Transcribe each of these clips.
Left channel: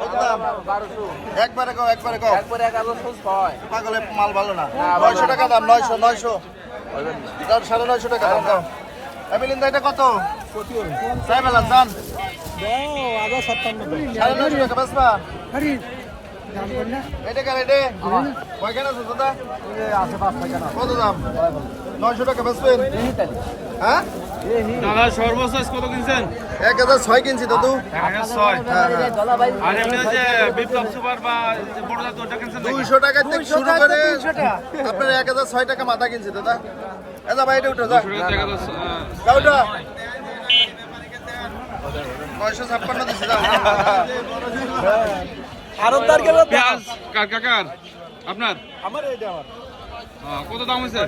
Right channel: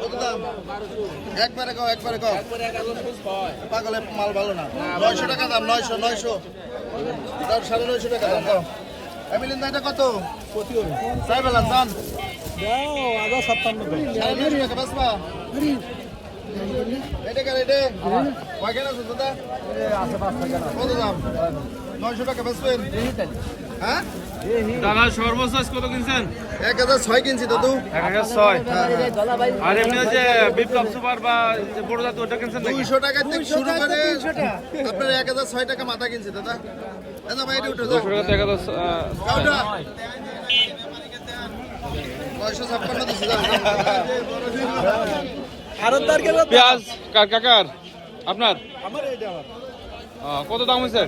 কত দাম? একবারে কও, একবারে কও। পাগলের মাল ভালো না। 900 টাকা দাম, 900। দাও 950 টাকা দাম দাও। এমিলিন দা এটা কত? চাই বেলা দাম। 950 টাকা বেচবা? এটা কার এটা? কয়খান আছে দাদা? কত দাম? 900 টাকা বেচবেন? হ্যাঁ? দাদা সর্বোচ্চ কত কিনছেন? 1006 কিনছি দাদু। 1006। আর এমনি যে বিপ্লব সুপার বা বড় জাত ওটা কিনছেন? 200 টাকা থেকে শুরু করে আপনার 1006 টাকা মাথা কিনছি দাদা। দাদা ভাই এটা উঠো দাও। দাও ওটা। 956 দিছি দাও। আরবদার গেল পেঁয়াজ কার কাকার? আপনার? আমার এইটা আমার কত দাম হয়েছে?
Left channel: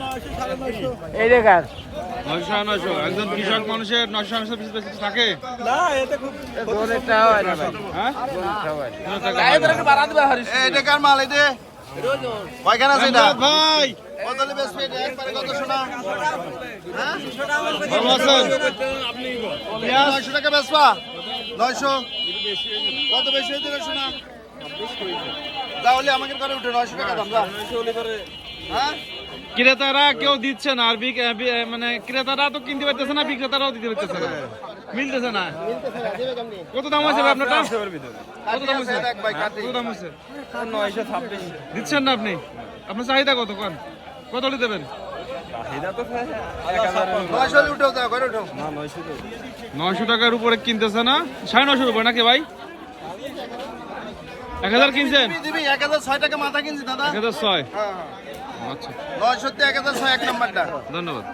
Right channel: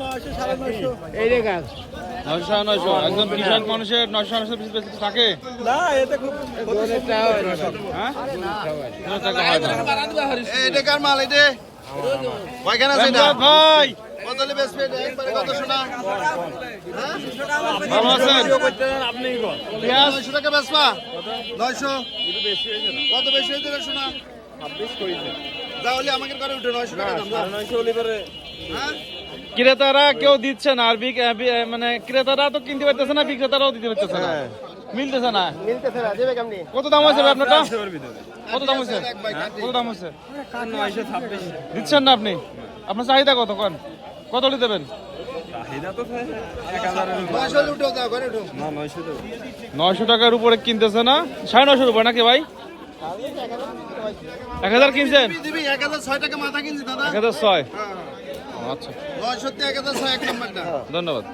900 এই দেখার 900 একজন কৃষক মানুষের 900 পিস বেশি থাকে? না এটা খুব অনেকটা হয় না হ্যাঁ? কোনো টাকা হয় না। এটা কার মাল এটা? কয়খান আছে এটা? ধন্যবাদ ভাই। কত হলে বেচবে এটা? একবারে কত শোনা? কেমন আছেন? 900 টাকা বেচবা? 900? কত বেশি হয়েছে রে শোনা? তাহলে আমাকে করে উঠে 900 টাকা দাম যা। হ্যাঁ? ক্রেতারা কেউ দিচ্ছে না আর মানে ক্রেতারা তো কিনতে পারতেছে না, বিক্রেতারাও দিতে পারতেছে না, মিলতেছে না। কত দাম আছে ভাই আপনারটা? কত দাম আছে? কত দাম আছে? 926 দিচ্ছেন না আপনি? আপনার চাহিদা কত কোন? কত হলে দেবেন? চাহিদা তো 1000 900 হলে উঠো দাও, ঘরে উঠো। না 900 তো 900 টাকার উপরে কিনতেছে না? 950 উপর নাকি ভাই? 1000 কিনছেন? দিবি 1006 টাকা মাথা কিনছি দাদা। 1006। হ্যাঁ হ্যাঁ। আচ্ছা 900 তে 1006 এক নাম্বারটা। ধন্যবাদ।